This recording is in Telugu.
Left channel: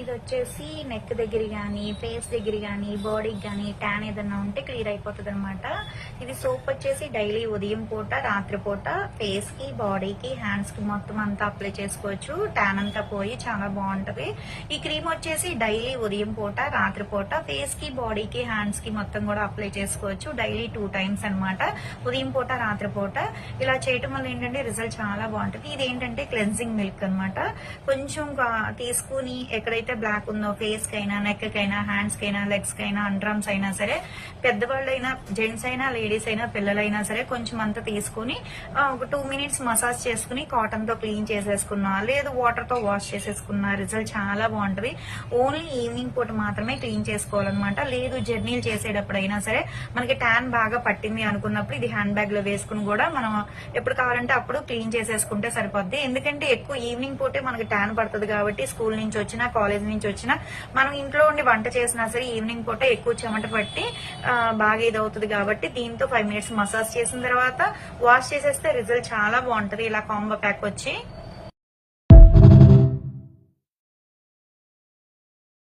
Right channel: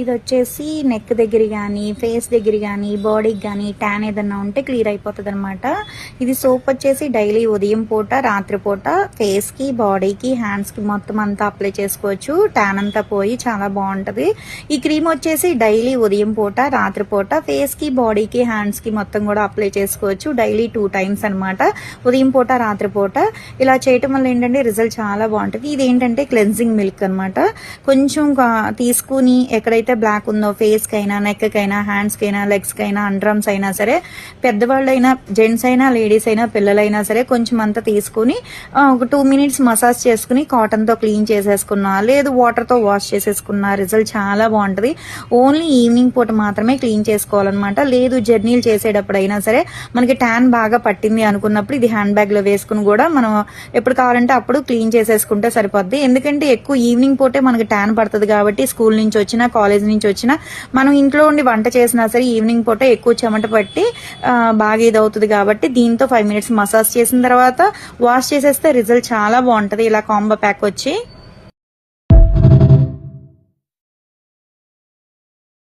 ఇది వచ్చేసి నెక్ దగ్గర కానీ ఫేస్ దగ్గర కానీ బాడీకి కానీ ట్యాన్ ఏదన్నా ఉంటే క్లియర్ అయిపోతుంది అనమాట. ఇది సోప్ వచ్చేసి డైలీ ఉదయం పూట రాత్రి పూట ఫేస్కి బాడీకి హ్యాండ్స్కి మొత్తం అంతా అప్లై చేసుకోవచ్చు. ట్యాన్ అంతా పోయి చాలా బాగుంటుంది. ఈ క్రీమ్ వచ్చేసి డైలీ ఉదయం పూట రాత్రి పూట ఫేస్కి బాడీకి హ్యాండ్స్కి మొత్తం కూడా అప్లై చేసుకోవచ్చు. డైలీ 2 టైమ్స్ అనమాట, ఉదయం పూట రాత్రి పూట. ఇలా చేయటం వల్ల ఏంటంటే రిజల్ట్ చాలా బాగుంటుంది. ఇది ఏంటంటే క్లెన్జింగ్ మిల్క్ అనమాట. కొంచెం తీసుకుని ఎక్కడైతే బ్లాక్ ఉందో ఫేస్ కైనా నెక్ కైనా హ్యాండ్స్ కైనా లెగ్స్ కైనా అండర్ఆర్మ్స్ అయినా సరే, పెద్దవాళ్ళైనా జెంట్స్ అయినా లేడీస్ అయినా పిల్లలైనా సరే కొంచెం అంతా తీసుకుని ఒక 2 మినిట్స్ మసాజ్ చేసుకుని కాటన్ తో క్లీన్ చేసేసుకున్నా లేదు వాటర్ తో వాష్ చేసేసుకున్నా రిజల్ట్ చాలా బాగుంటది. ఓన్లీ ఈవినింగ్ పూట మాత్రమే క్లీన్ చేసుకోవాలన్నమాట. లేదు జర్నీలు చేసేటప్పుడు అయినా సరే మనకి ట్యాన్ బాగా పట్టింది అనుకున్నప్పుడు ఇది హ్యాండ్ బ్యాగ్ లో వేసుకుని కూడా మనం ఎప్పుడు కావాలంటే అప్పుడు క్లీన్ చేసేసుకుంటే సరిపోద్ది. ఎందుకంటే ఎక్కువ ఈవినింగ్ పూటే మనకి ట్యాన్ పడుతుంది కాబట్టి స్కూల్ నుంచి వచ్చినా కాలేజ్ నుంచి వచ్చినా మనం ఇంట్లో ఉండి వంట చేసినా సరే ఈవినింగ్ పూట ఎక్కువ చెమట పట్టి బాగా ఇదవుతుంది కాబట్టి దీంతో 5 మినిట్స్ మసాజ్ చేసిన తర్వాత వాష్ చేసేస్తే రిజల్ట్ చాలా బాగుంటది. ఇలా కాంబో ప్యాక్ వచ్చి